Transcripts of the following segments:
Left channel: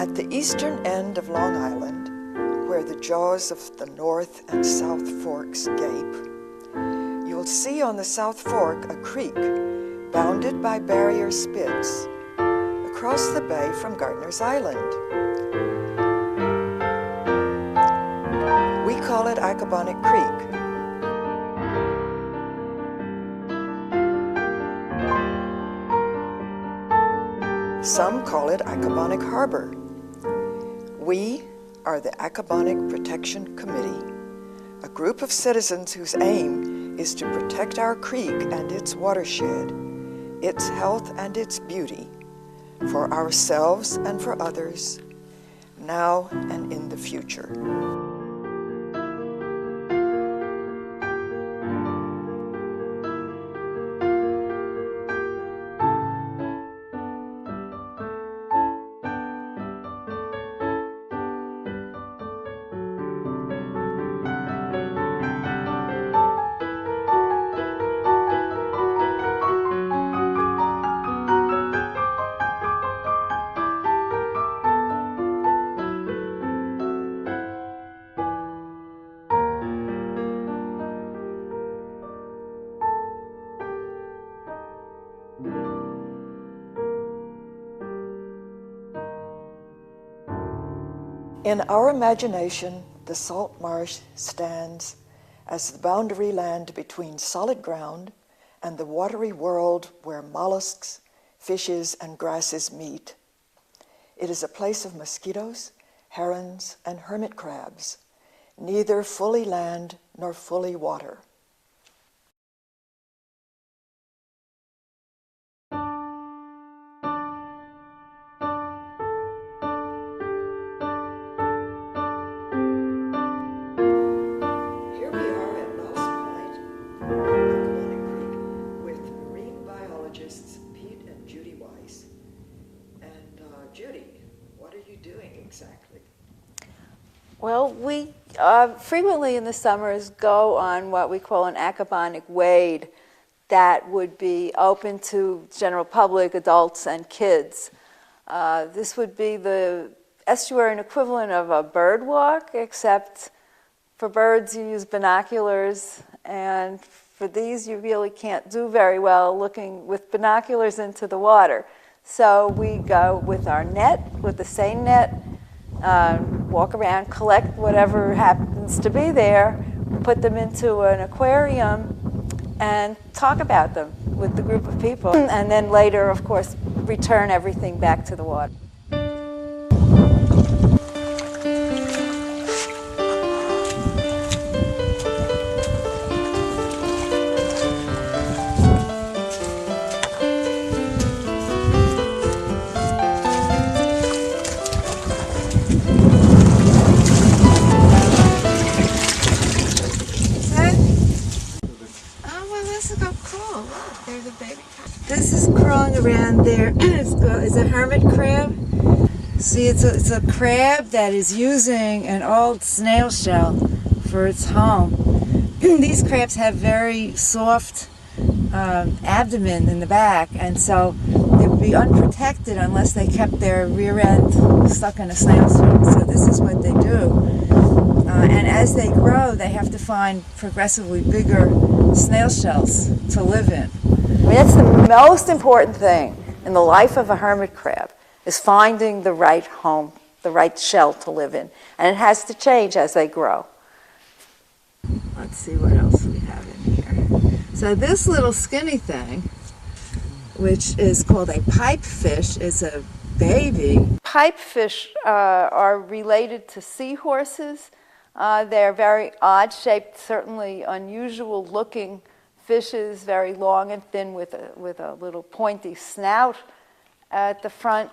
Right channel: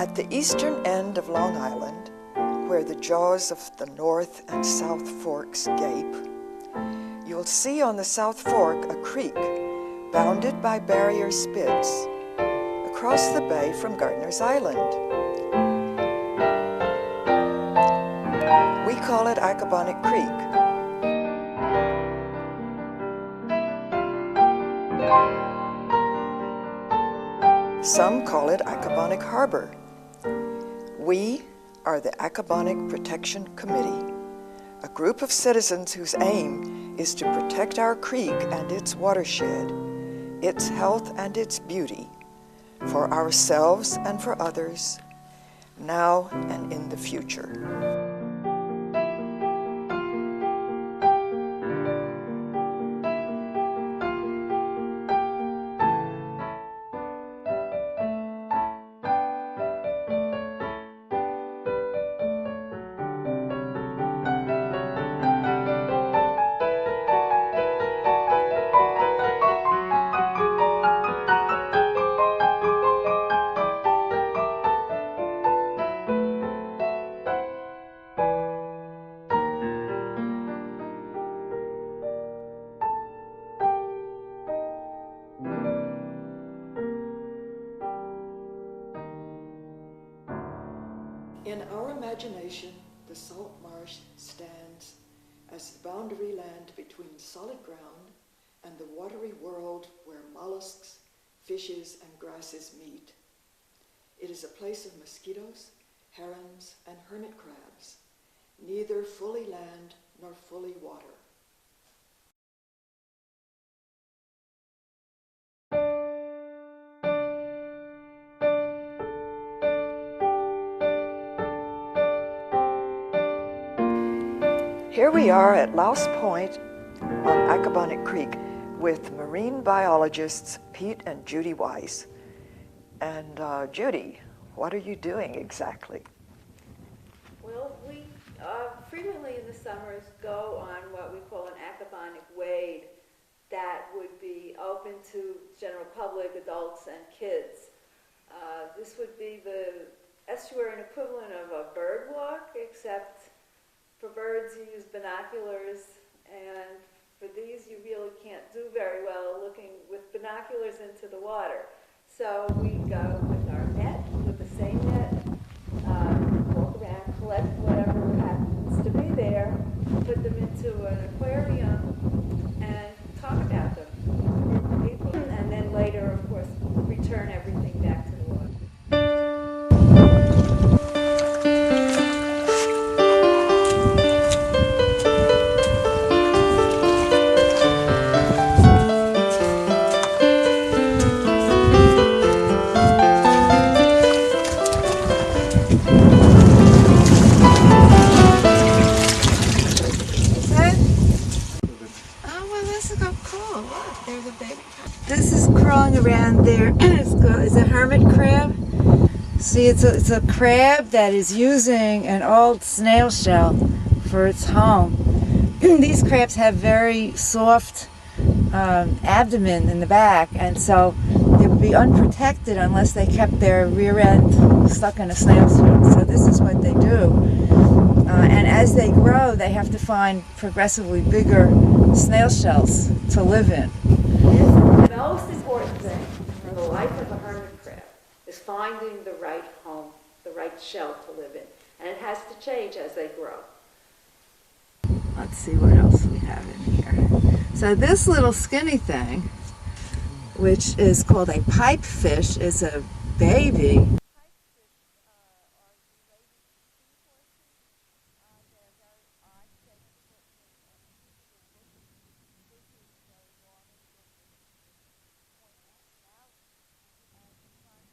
At the eastern end of Long Island, where the jaws of the North and South Forks gape, you'll see on the South Fork a creek bounded by barrier spids across the bay from Gardiner's Island. We call it Accabonac Creek. Some call it Accabonac Harbor. We are the Accabonac Protection Committee, a group of citizens whose aim is to protect our creek and its watershed, its health and its beauty, for ourselves and for others, now and in the future. In our imagination, the salt marsh stands as the boundary land between solid ground and the watery world where mollusks, fishes, and grasses meet. It is a place of mosquitoes, herons, and hermit crabs, neither fully land nor fully water. Here we are at Louse Point on Accabonac Creek with marine biologists Pete and Judy Weis. And Judy, what are you doing exactly? Well, we frequently in the summers go on what we call an Accabonac wade that would be open to general public, adults, and kids. This would be the estuarine equivalent of a bird walk, except for birds, you use binoculars, and for these, you really can't do very well looking with binoculars into the water. So we go with our net, with the seine net, walk around, collect whatever happens to be there, put them into an aquarium, and talk about them with the group of people. And then later, of course, return everything back to the water. This is crawling around there. It's a hermit crab. See, it's a crab that is using an old snail shell for its home. These crabs have very soft abdomen in the back, and so they would be unprotected unless they kept their rear end stuck in a snail shell. So this is what they do. And as they grow, they have to find progressively bigger snail shells to live in. I mean, that's the most important thing in the life of a hermit crab, is finding the right home, the right shell to live in. And it has to change as they grow. Let's see what else we have in here. So this little skinny thing, which is called a pipefish, is a baby. Pipefish are related to seahorses. They're very odd-shaped, certainly unusual looking fishes, very long and thin with a little pointy snout at the front.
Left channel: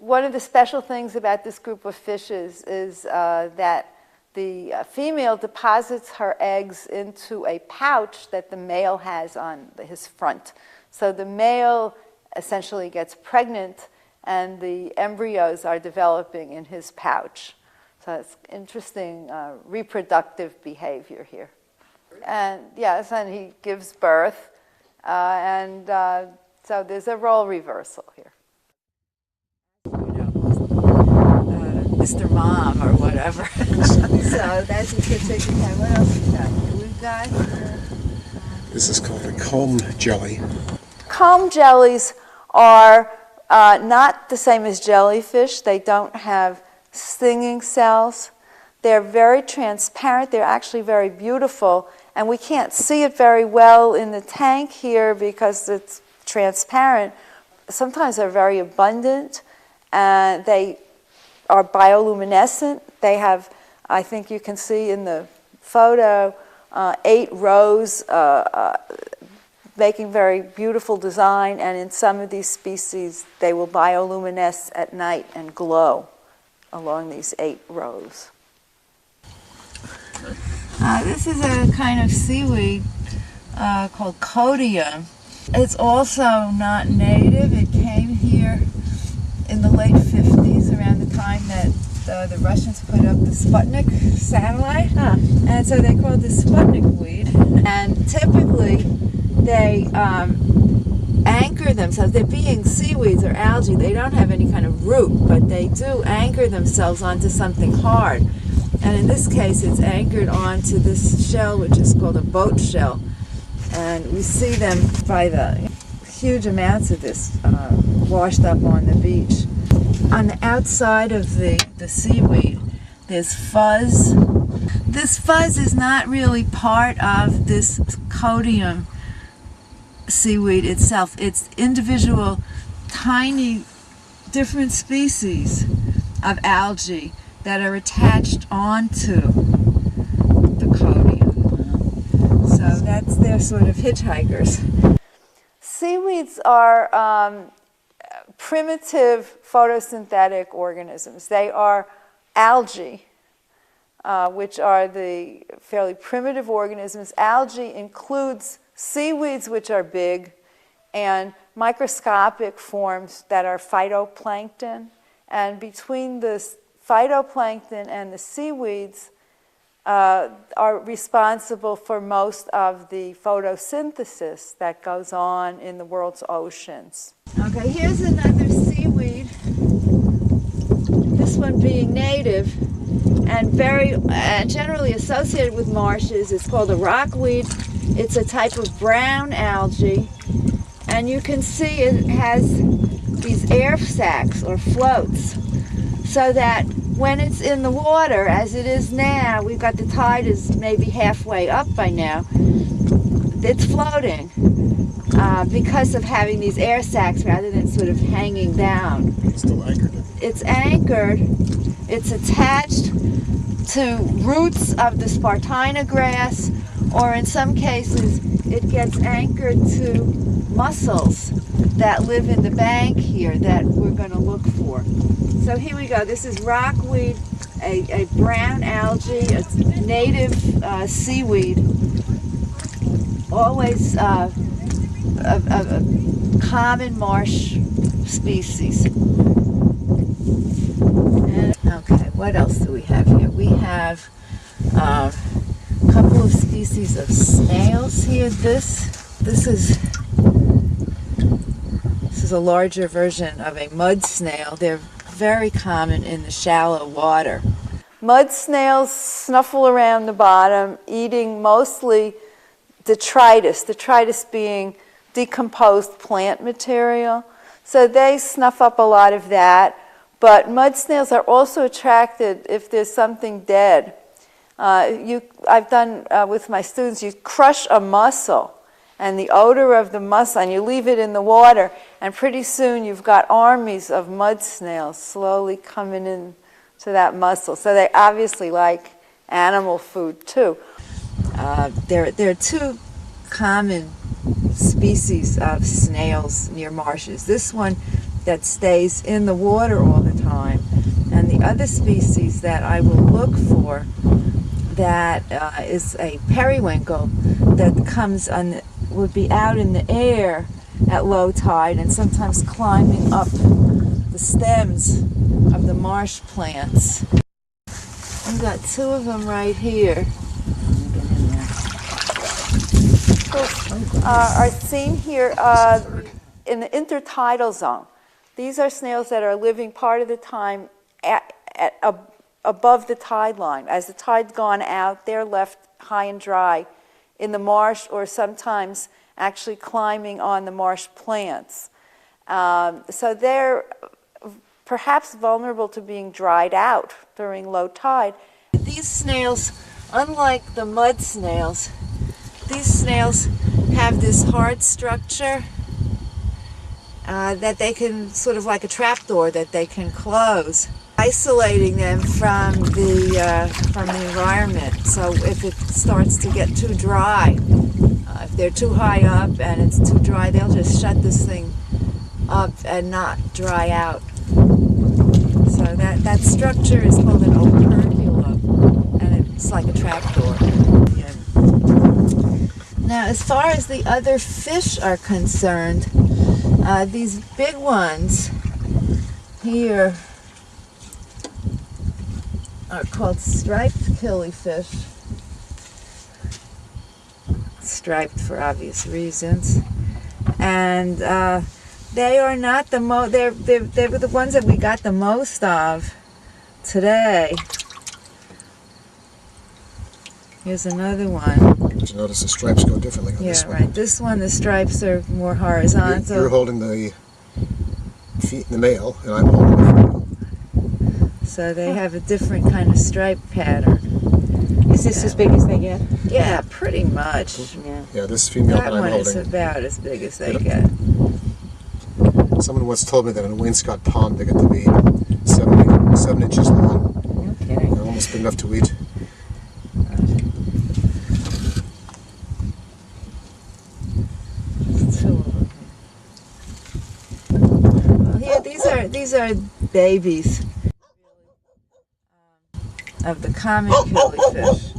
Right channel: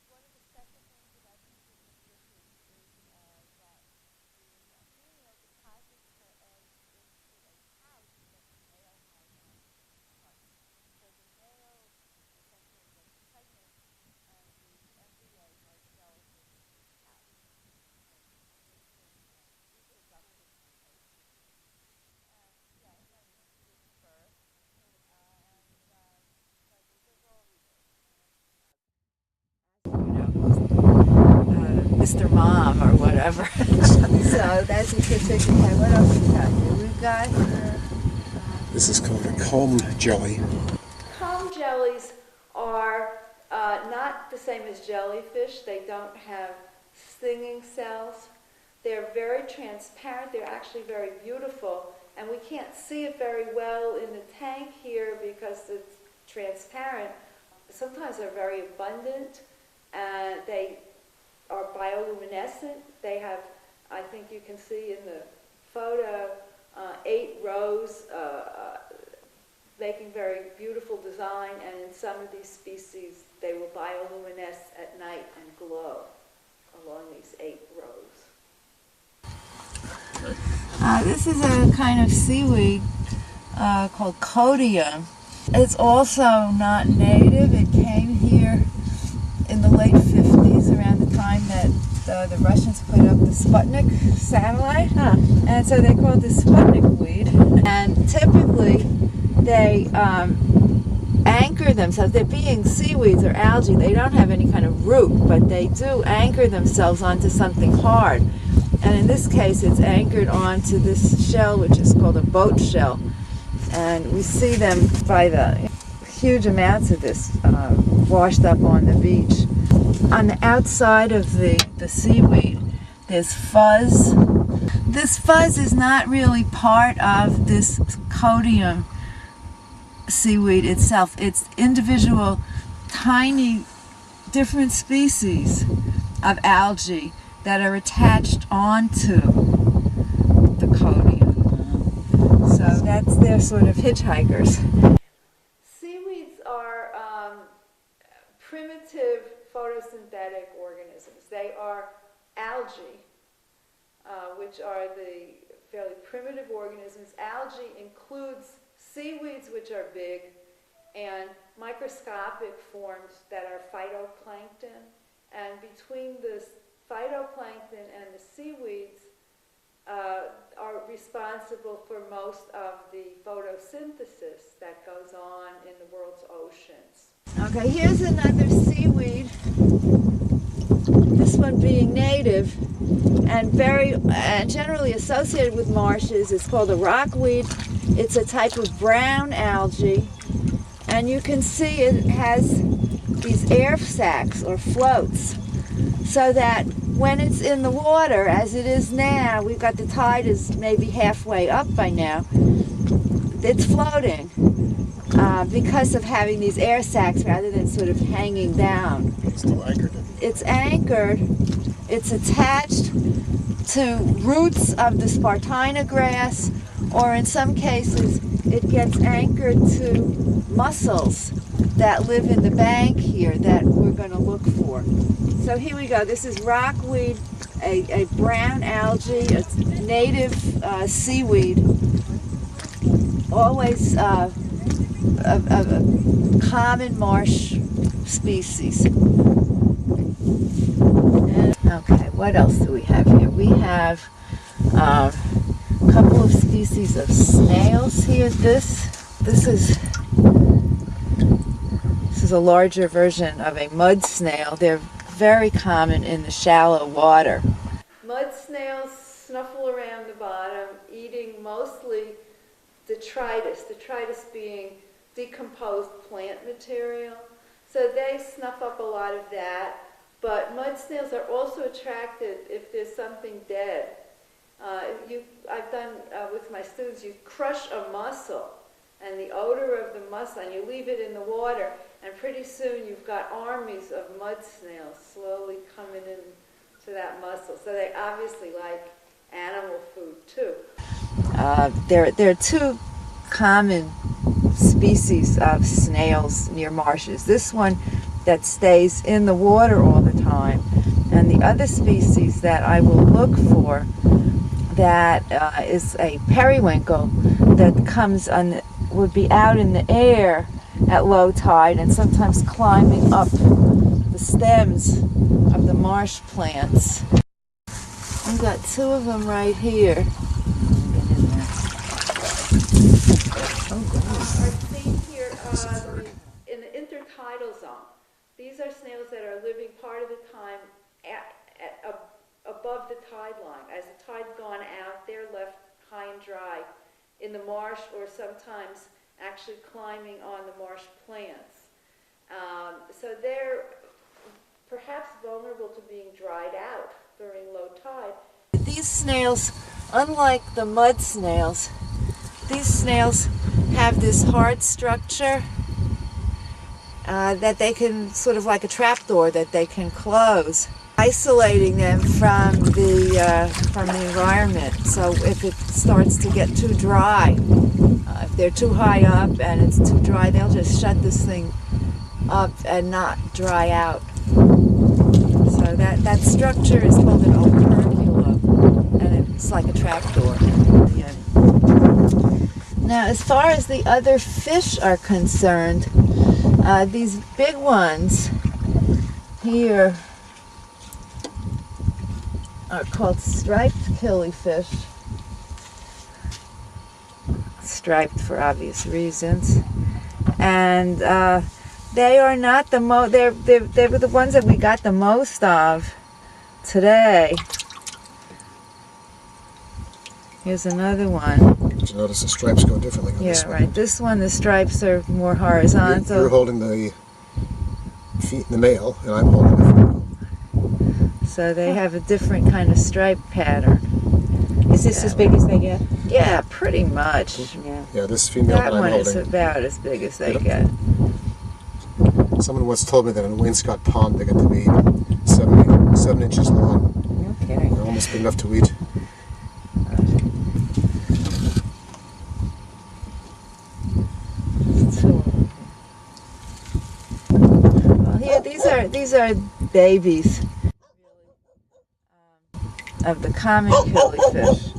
One of the special things about this group of fishes is that the female deposits her eggs into a pouch that the male has on his front. So the male essentially gets pregnant and the embryos are developing in his pouch. So it's interesting reproductive behavior here. And yes, and he gives birth, so there's a role reversal here. You know, Mr. Mom or whatever. So that's a particular. Okay, what else we got here? We've got here. This is called a comb jelly. Comb jellies are not the same as jellyfish. They don't have stinging cells. They're very transparent. They're actually very beautiful. And we can't see it very well in the tank here because it's transparent. Sometimes they're very abundant. And they are bioluminescent. They have, I think you can see in the photo, 8 rows making very beautiful design. And in some of these species, they will bioluminesce at night and glow along these 8 rows. This is a kind of seaweed called codium. It's also not native. It came here in the late 50s, around the time that the Russians put up the Sputnik satellite. And so they called this Sputnik weed. And typically they anchor themselves. They're being seaweeds or algae. They don't have any kind of root, but they do anchor themselves onto something hard. And in this case, it's anchored onto this shell, which is called a boat shell. And we see them by the huge amounts of this washed up on the beach. On the outside of the seaweed, there's fuzz. This fuzz is not really part of this codium seaweed itself. It's individual, tiny, different species of algae that are attached onto the codium. So they're sort of hitchhikers. Seaweeds are primitive photosynthetic organisms. They are algae, which are the fairly primitive organisms. Algae includes seaweeds, which are big, and microscopic forms that are phytoplankton. And between the phytoplankton and the seaweeds are responsible for most of the photosynthesis that goes on in the world's oceans. Okay, here's another seaweed, this one being native and very generally associated with marshes. It's called a rockweed. It's a type of brown algae, and you can see it has these air sacs or floats, so that when it's in the water, as it is now, we've got the tide is maybe halfway up by now, it's floating because of having these air sacs rather than sort of hanging down. It's still anchored. It's anchored. It's attached to roots of the Spartina grass, or in some cases, it gets anchored to mussels that live in the bank here that we're going to look for. So here we go. This is rockweed, a brown algae, a native seaweed, always a common marsh species. Okay, what else do we have here? We have a couple of species of snails here. This is a larger version of a mud snail. They're very common in the shallow water. Mud snails snuffle around the bottom, eating mostly detritus being decomposed plant material. So they snuff up a lot of that. But mud snails are also attracted if there's something dead. I've done with my students, you crush a mussel, and the odor of the mussel, and you leave it in the water, and pretty soon you've got armies of mud snails slowly coming in to that mussel. So they obviously like animal food too. There are 2 common species of snails near marshes. This one that stays in the water all the time, and the other species that I will look for that is a periwinkle that comes on would be out in the air at low tide and sometimes climbing up the stems of the marsh plants. We've got 2 of them right here. Get in there. Are seen here in the intertidal zone. These are snails that are living part of the time above the tide line. As the tide's gone out, they're left high and dry in the marsh, or sometimes actually climbing on the marsh plants. So they're perhaps vulnerable to being dried out during low tide. These snails, unlike the mud snails, these snails have this hard structure that they can, sort of like a trapdoor that they can close, isolating them from the environment. So if it starts to get too dry, if they're too high up and it's too dry, they'll just shut this thing up and not dry out. So that structure is called an operculum, and it's like a trapdoor. Now, as far as the other fish are concerned, these big ones here are called striped killifish. Striped for obvious reasons. And they are not the most, they were the ones that we got the most of today. Here's another one. But you notice the stripes go differently on this one. Yeah, right. This one, the stripes are more horizontal. You're holding the male, and I'm holding the female. So they have a different kind of stripe pattern. Is this as big as they get? Yeah, pretty much. Yeah, this female That that I'm one is holding. about as big as they get. Someone once told me that in Wainscott Pond they get to be 7 inches long. No kidding. They're almost big enough to eat. Two of them. Well, here, these are babies of the common killifish.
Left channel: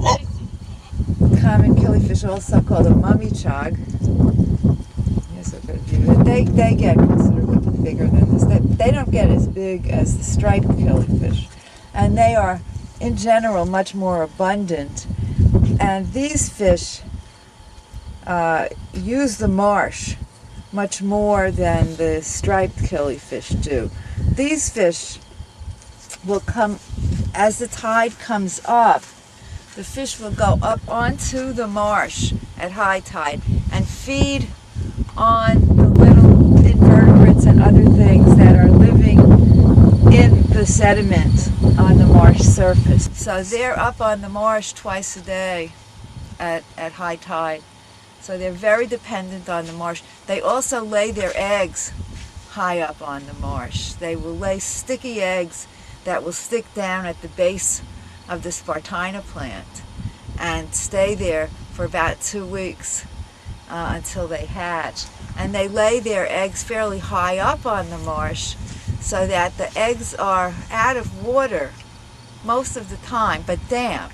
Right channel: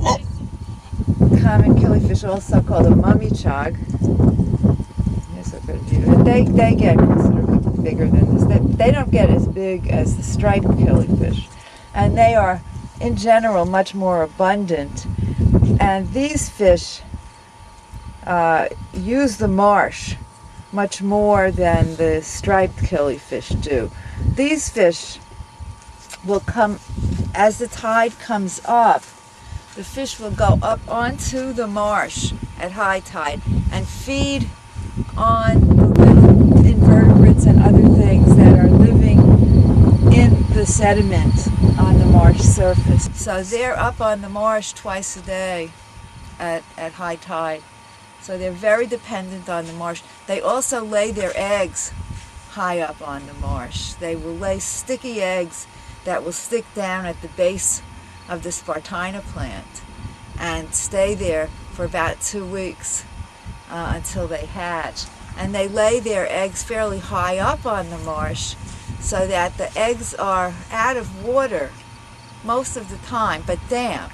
Common killifish, also called a mummy chog. Here's a good view. They get considerably bigger than this. They don't get as big as the striped killifish, and they are, in general, much more abundant. And these fish use the marsh much more than the striped killifish do. These fish will come, as the tide comes up, the fish will go up onto the marsh at high tide and feed on the little invertebrates and other things that are living in the sediment on the marsh surface. So they're up on the marsh twice a day at high tide. So they're very dependent on the marsh. They also lay their eggs high up on the marsh. They will lay sticky eggs that will stick down at the base of the Spartina plant and stay there for about 2 weeks until they hatch. And they lay their eggs fairly high up on the marsh so that the eggs are out of water most of the time, but damp.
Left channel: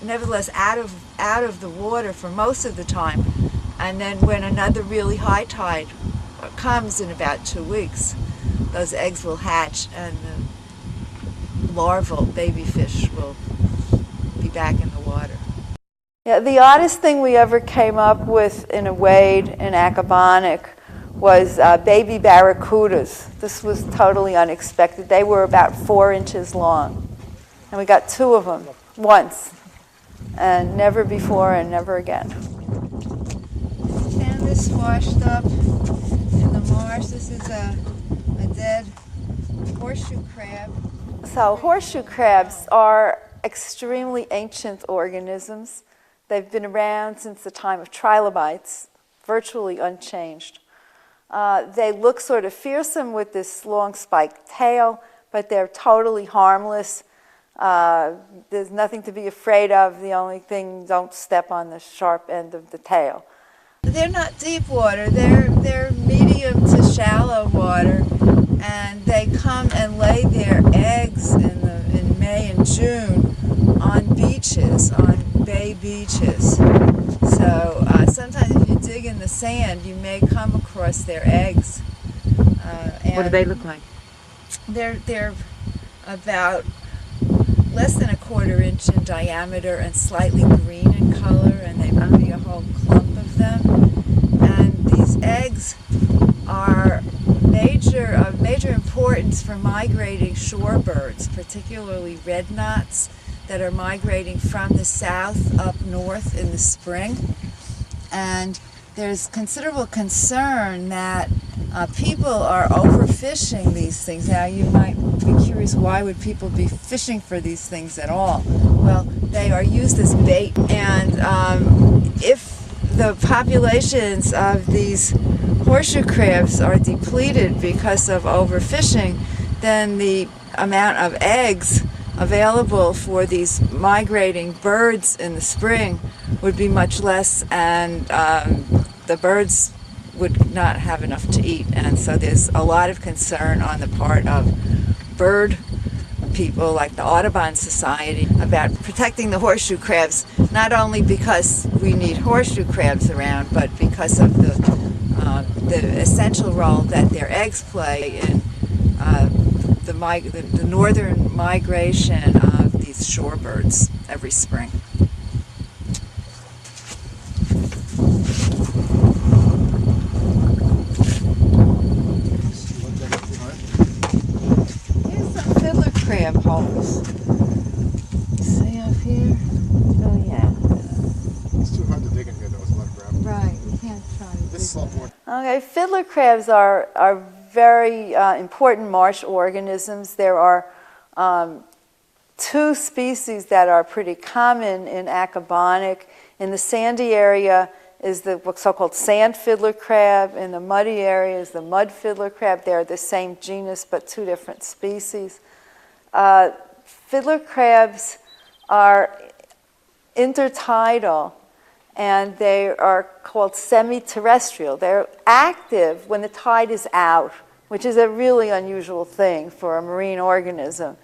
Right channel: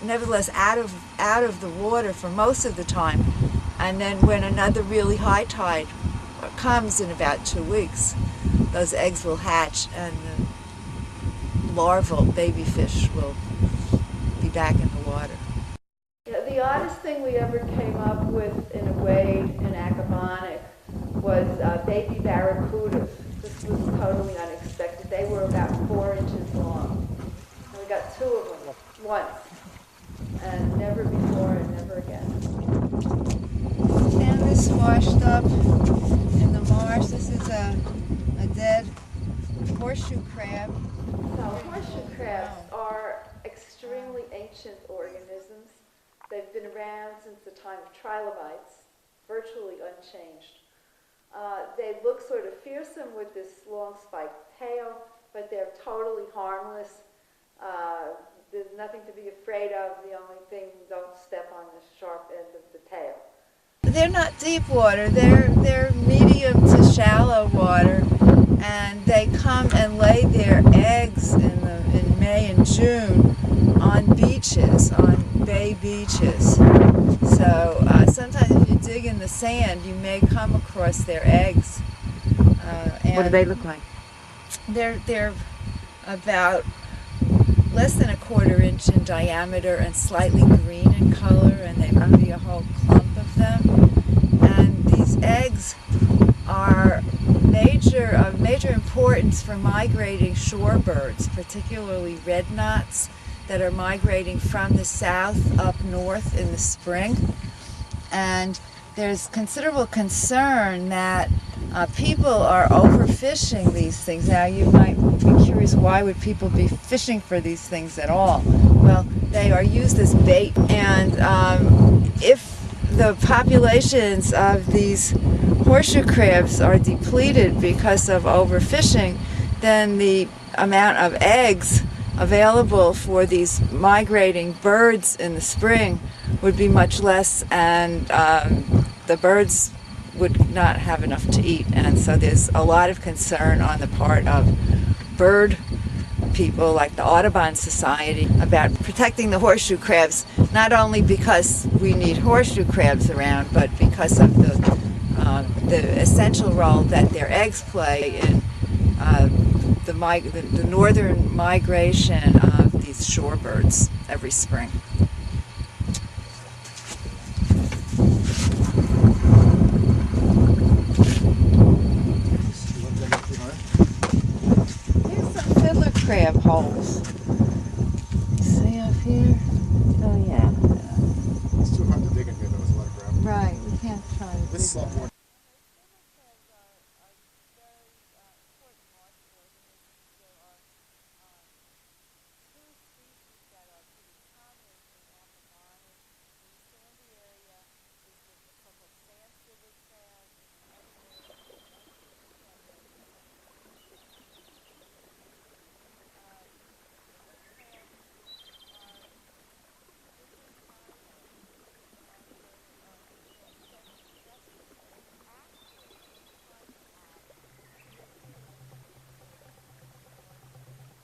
Nevertheless, out of the water for most of the time. And then when another really high tide comes in about 2 weeks, those eggs will hatch and the larval baby fish will be back in the water. Yeah, the oddest thing we ever came up with in a wade in Accabonac was baby barracudas. This was totally unexpected. They were about 4 inches long. And we got 2 of them once. And never before and never again. And this washed up in the marsh. This is a dead horseshoe crab. So horseshoe crabs are extremely ancient organisms. They've been around since the time of trilobites, virtually unchanged. They look sort of fearsome with this long spiked tail, but they're totally harmless. There's nothing to be afraid of. The only thing, don't step on the sharp end of the tail. They're not deep water. They're medium to shallow water, and they come and lay their eggs in May and June on beaches, on bay beaches. So sometimes if you dig in the sand, you may come across their eggs. What do they look like? They're about less than 1/4 inch in diameter and slightly green in color, and they would be a whole clump of them. And these eggs are of major importance for migrating shorebirds, particularly red knots that are migrating from the south up north in the spring. And there's considerable concern that people are overfishing these things. Now you might be curious, why would people be fishing for these things at all? Well, they are used as bait, and if the populations of these horseshoe crabs are depleted because of overfishing, then the amount of eggs available for these migrating birds in the spring would be much less, and the birds would not have enough to eat. And so there's a lot of concern on the part of bird people like the Audubon Society about protecting the horseshoe crabs, not only because we need horseshoe crabs around, but because of the essential role that their eggs play in the northern migration of these shorebirds every spring. Here's some fiddler crab holes. You see up here? Oh, yeah. It's too hard to dig in here, though. There's a lot of gravel. Right, we can't try to This is a lot more. Okay, fiddler crabs are very important marsh organisms. There are two species that are pretty common in Accabonac. In the sandy area is the so-called sand fiddler crab. In the muddy area is the mud fiddler crab. They're the same genus but two different species. Fiddler crabs are intertidal, and they are called semi-terrestrial. They're active when the tide is out, which is a really unusual thing for a marine organism.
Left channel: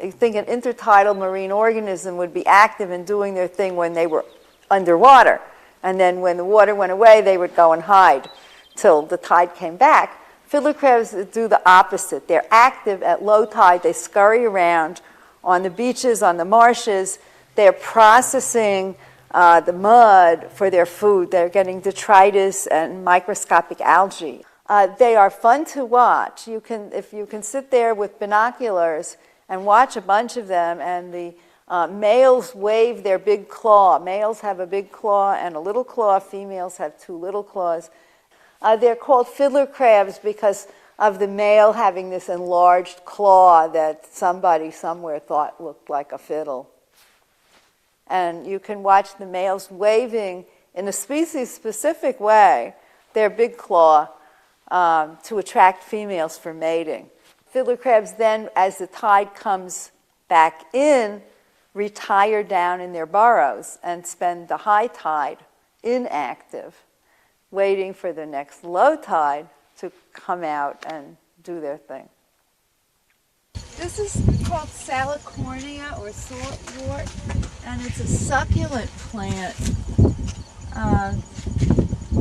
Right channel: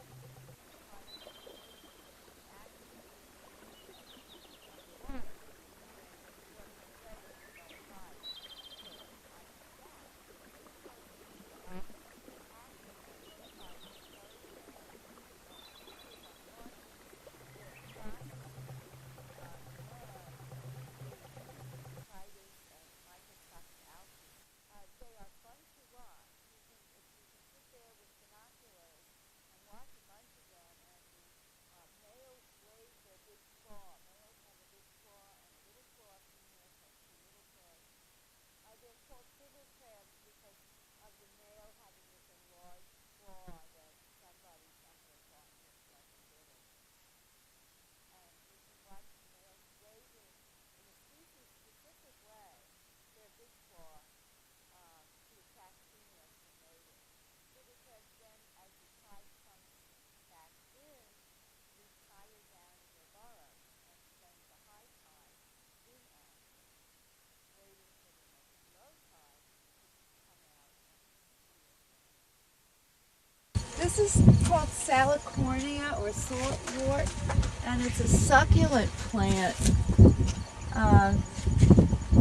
You think an intertidal marine organism would be active and doing their thing when they were underwater, and then when the water went away, they would go and hide till the tide came back. Fiddler crabs do the opposite. They're active at low tide. They scurry around on the beaches, on the marshes. They're processing the mud for their food. They're getting detritus and microscopic algae. They are fun to watch. If you can sit there with binoculars and watch a bunch of them, and the males wave their big claw. Males have a big claw and a little claw. Females have two little claws. They're called fiddler crabs because of the male having this enlarged claw that somebody somewhere thought looked like a fiddle. And you can watch the males waving in a species-specific way their big claw to attract females for mating. Fiddler crabs then, as the tide comes back in, retire down in their burrows and spend the high tide inactive, waiting for the next low tide to come out and do their thing. This is called Salicornia, or saltwort, and it's a succulent plant.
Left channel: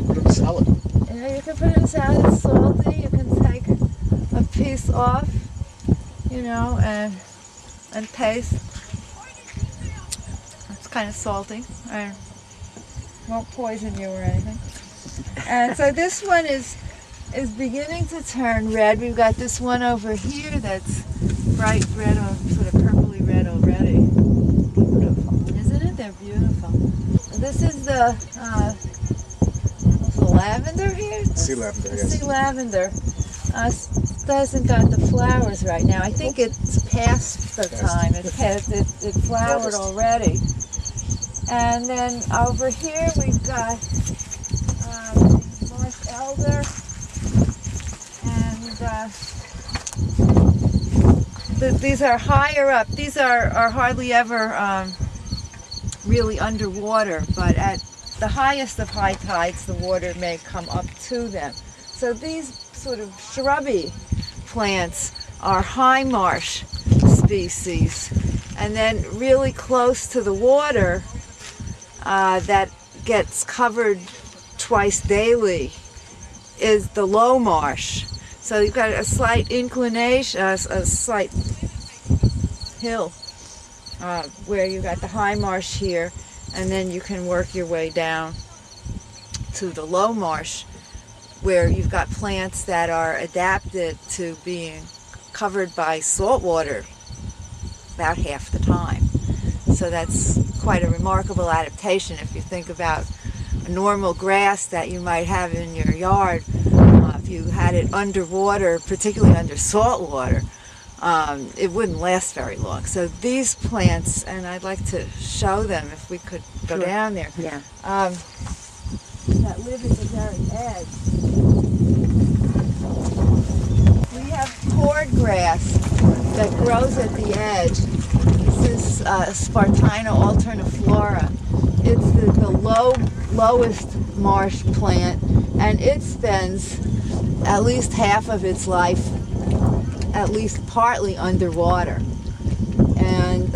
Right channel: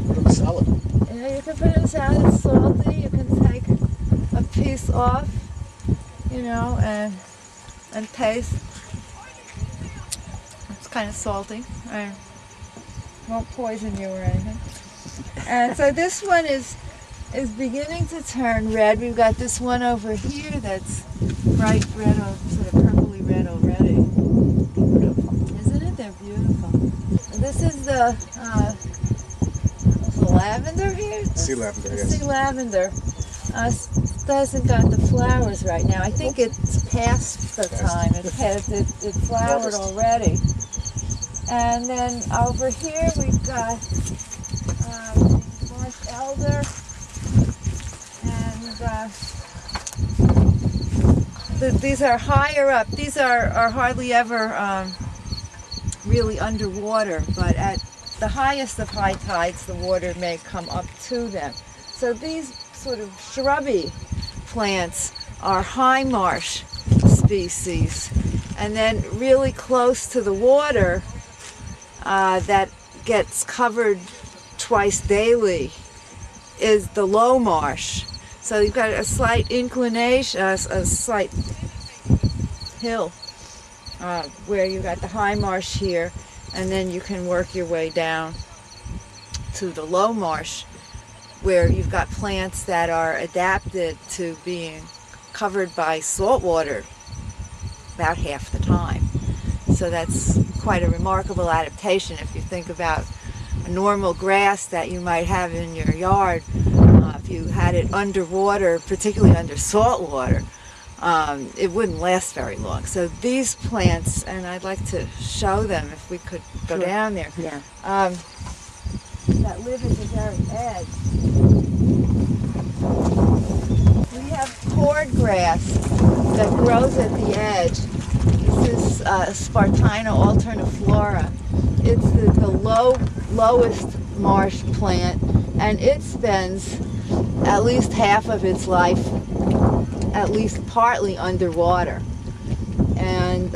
Put it in salad. Yeah, you can put it in salad. It's salty. You can take a piece off, and taste. It's kind of salty. I won't poison you or anything. And so this one is beginning to turn red. We've got this one over here that's bright red, or sort of purpley red already. Beautiful. Isn't it? They're beautiful. This is the lavender here? Sea lavender, yes. Sea lavender. Hasn't got the flowers right now. I think it's past the time. It flowered already. And then over here we've got marsh elder, and these are higher up. These are hardly ever really underwater, but at the highest of high tides, the water may come up to them. So these sort of shrubby plants are high marsh species. And then really close to the water, that gets covered twice daily, is the low marsh. So you've got a slight inclination, a slight hill, where you've got the high marsh here, and then you can work your way down to the low marsh, where you've got plants that are adapted to being covered by salt water about half the time. So that's quite a remarkable adaptation if you think about a normal grass that you might have in your yard. If you had it underwater, particularly under salt water, it wouldn't last very long. So these plants, and I'd like to show them if we could go down there, Yeah. that live at the very edge. We have cordgrass that grows at the edge. This is Spartina alterniflora. It's the lowest marsh plant, and it spends at least half of its life at least partly underwater. And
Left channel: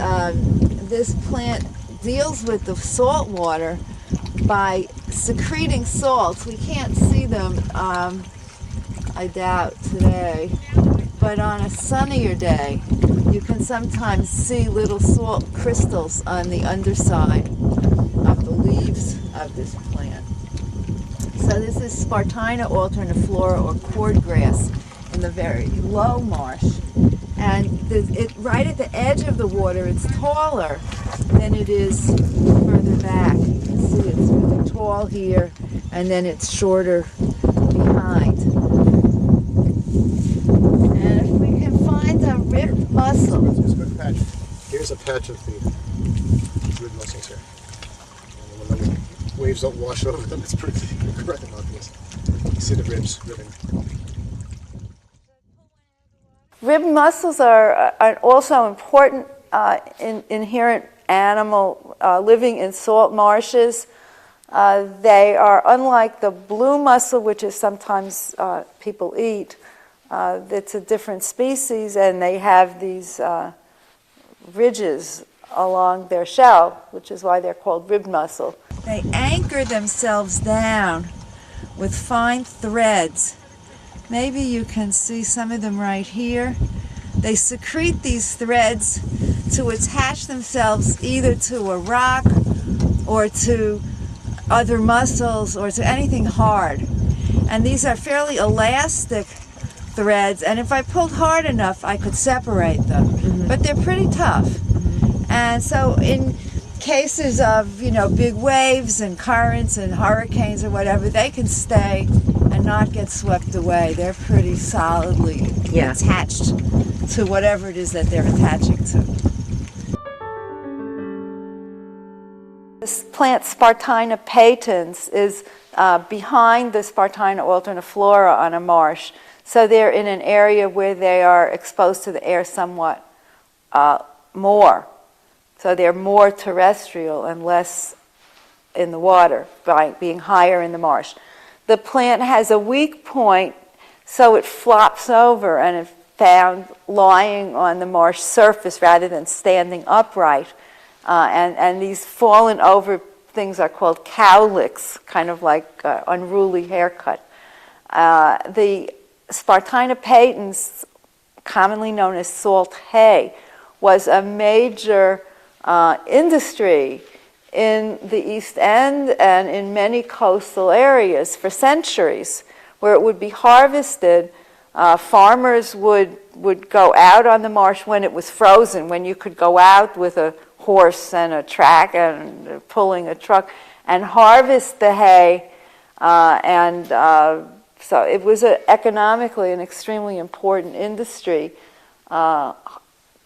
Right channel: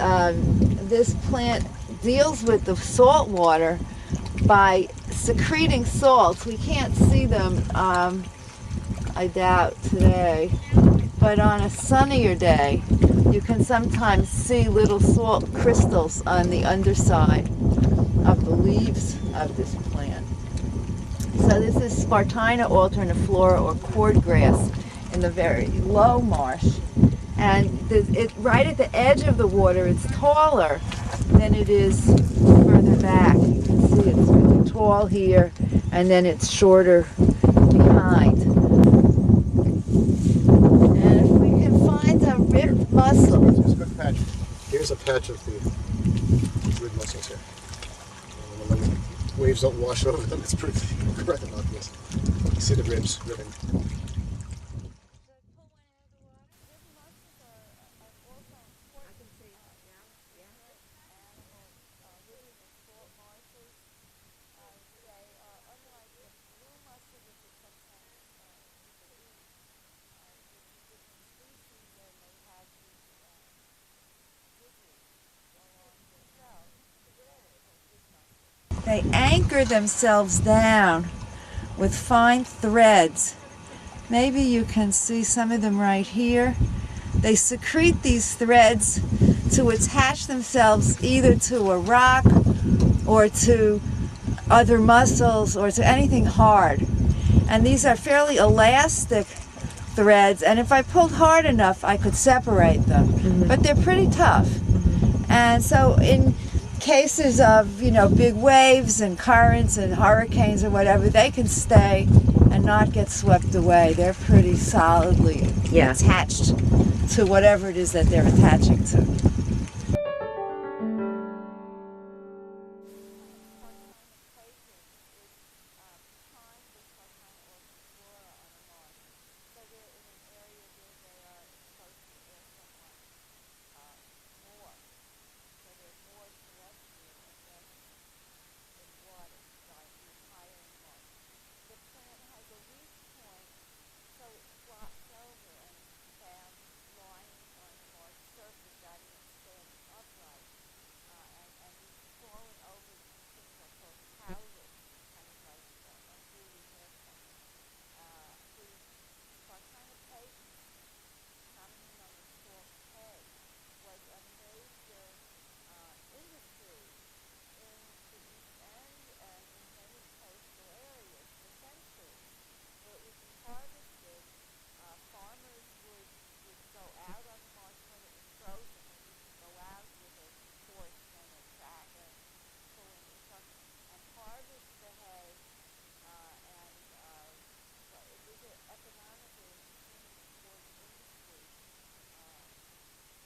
this plant deals with the salt water by secreting salts. We can't see them, I doubt, today, but on a sunnier day, you can sometimes see little salt crystals on the underside of the leaves of this plant. So this is Spartina alterniflora, or cordgrass, in the very low marsh. And right at the edge of the water, it's taller than it is further back. You can see it's really tall here, and then it's shorter behind. And if we can find a ribbed mussel. Here's a good patch. Here's a patch of the rib mussels here. And when the waves don't wash over them, it's pretty rather obvious. You see the ribs ribbing. Ribbed mussels are also important inherent animal living in salt marshes. They are unlike the blue mussel, which is sometimes people eat. It's a different species, and they have these ridges along their shell, which is why they're called ribbed mussel. They anchor themselves down with fine threads. Maybe you can see some of them right here. They secrete these threads to attach themselves either to a rock or to other mussels or to anything hard. And these are fairly elastic threads, and if I pulled hard enough, I could separate them. Mm-hmm. But they're pretty tough. Mm-hmm. And so in cases of, big waves and currents and hurricanes or whatever, they can stay and not get swept away. They're pretty solidly attached to whatever it is that they're attaching to. This plant Spartina patens is behind the Spartina alterniflora on a marsh. So they're in an area where they are exposed to the air somewhat more. So they're more terrestrial and less in the water by being higher in the marsh. The plant has a weak point, so it flops over and is found lying on the marsh surface rather than standing upright. And these fallen over things are called cowlicks, kind of like unruly haircut. The Spartina patens, commonly known as salt hay, was a major industry in the East End and in many coastal areas for centuries, where it would be harvested. Farmers would go out on the marsh when it was frozen, when you could go out with a horse and a track and pulling a truck and harvest the hay. So it was economically an extremely important industry.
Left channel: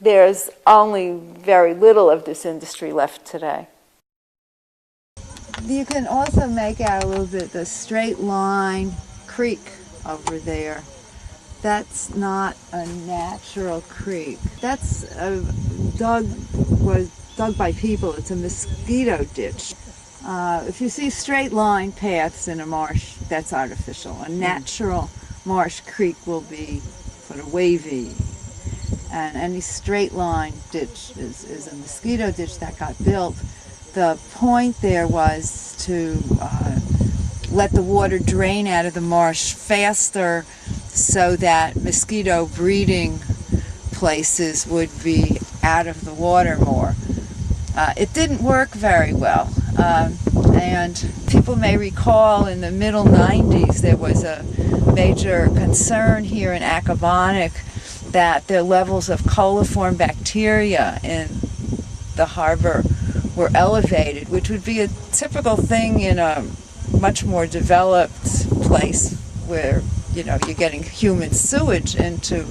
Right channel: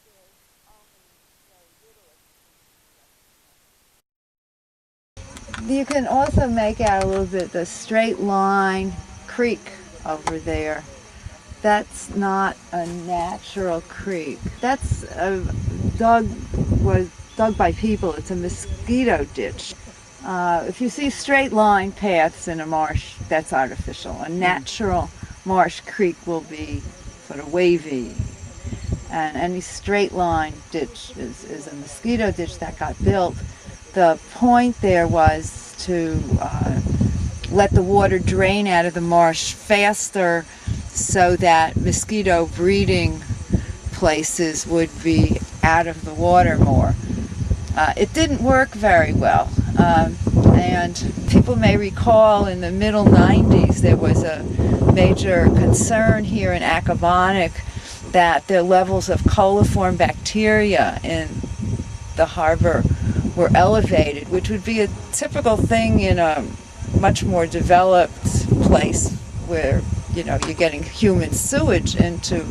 There's only very little of this industry left today. You can also make out a little bit the straight line creek over there. That's not a natural creek. That's was dug by people. It's a mosquito ditch. If you see straight line paths in a marsh, that's artificial. A natural marsh creek will be sort of wavy. And any straight line ditch is a mosquito ditch that got built. The point there was to let the water drain out of the marsh faster so that mosquito breeding places would be out of the water more. It didn't work very well. And people may recall in the middle 90s there was a major concern here in Accabonac that the levels of coliform bacteria in the harbor were elevated, which would be a typical thing in a much more developed place where, you know, you're getting human sewage into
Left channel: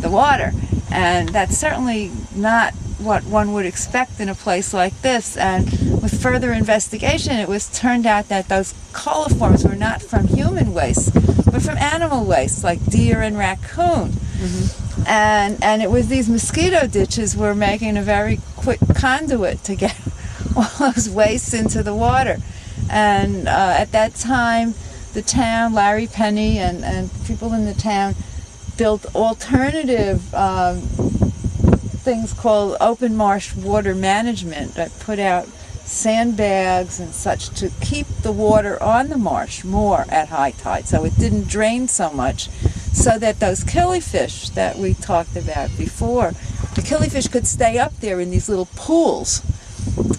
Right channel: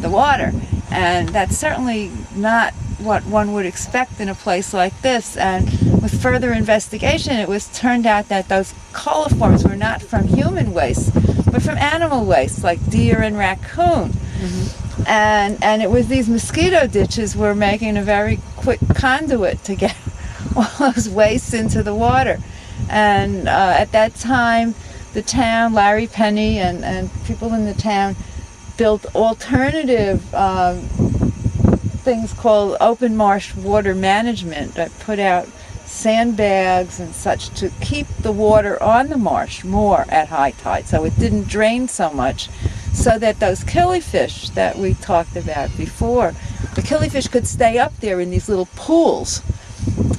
the water. And that's certainly not what one would expect in a place like this. And with further investigation, it was turned out that those coliforms were not from human waste, but from animal waste, like deer and raccoon. And it was these mosquito ditches were making a very quick conduit to get all those wastes into the water. And at that time, the town, Larry Penny and people in the town built alternative things called open marsh water management that put out sandbags and such to keep the water on the marsh more at high tide, so it didn't drain so much, so that those killifish that we talked about before, the killifish could stay up there in these little pools.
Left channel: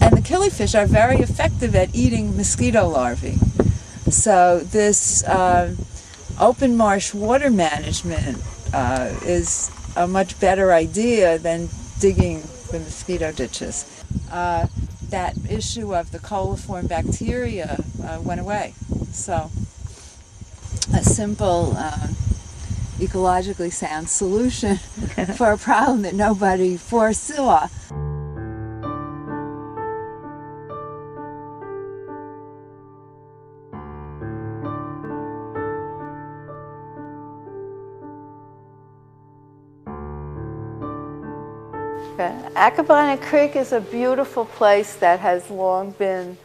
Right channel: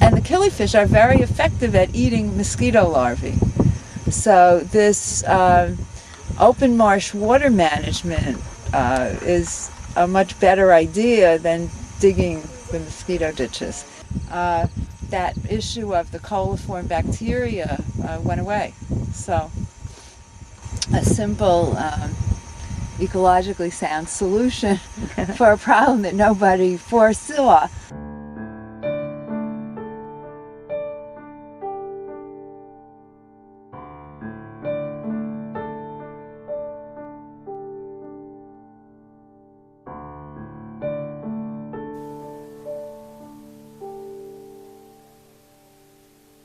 And the killifish are very effective at eating mosquito larvae. So this open marsh water management is a much better idea than digging the mosquito ditches. That issue of the coliform bacteria went away. So a simple, ecologically sound solution for a problem that nobody foresaw. Accabonac Creek is a beautiful place that has long been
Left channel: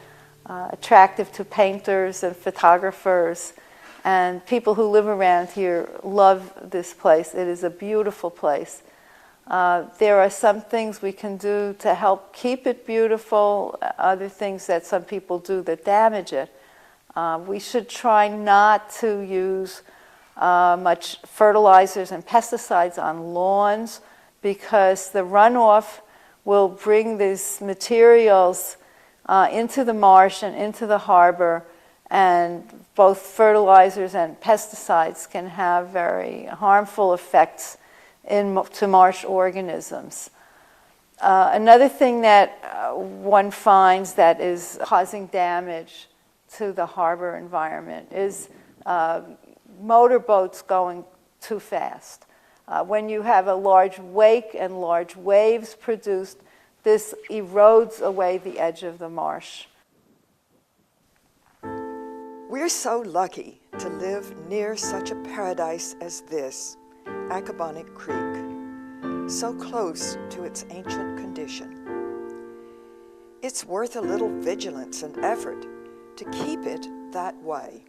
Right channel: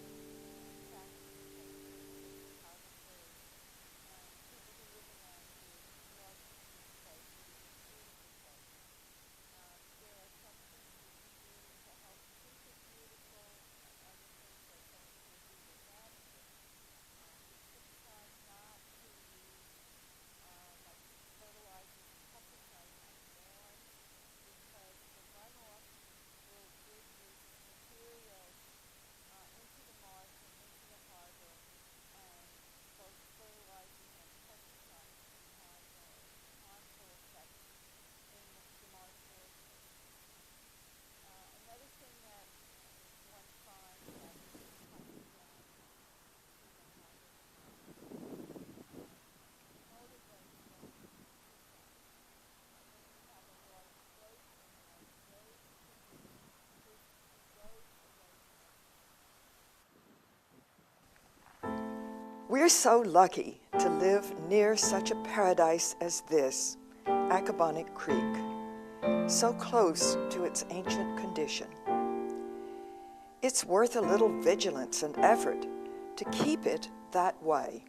attractive to painters and photographers, and people who live around here love this place. It is a beautiful place. There are some things we can do to help keep it beautiful, other things that some people do that damage it. We should try not to use much fertilizers and pesticides on lawns, because the runoff will bring these materials into the marsh and into the harbor, and both fertilizers and pesticides can have very harmful effects to marsh organisms. Another thing that one finds that is causing damage to the harbor environment is motorboats going too fast. When you have a large wake and large waves produced, this erodes away the edge of the marsh. We're so lucky to live near such a paradise as this, Accabonac Creek, so close to its ancient condition. It's worth a little vigilance and effort to keep it that way.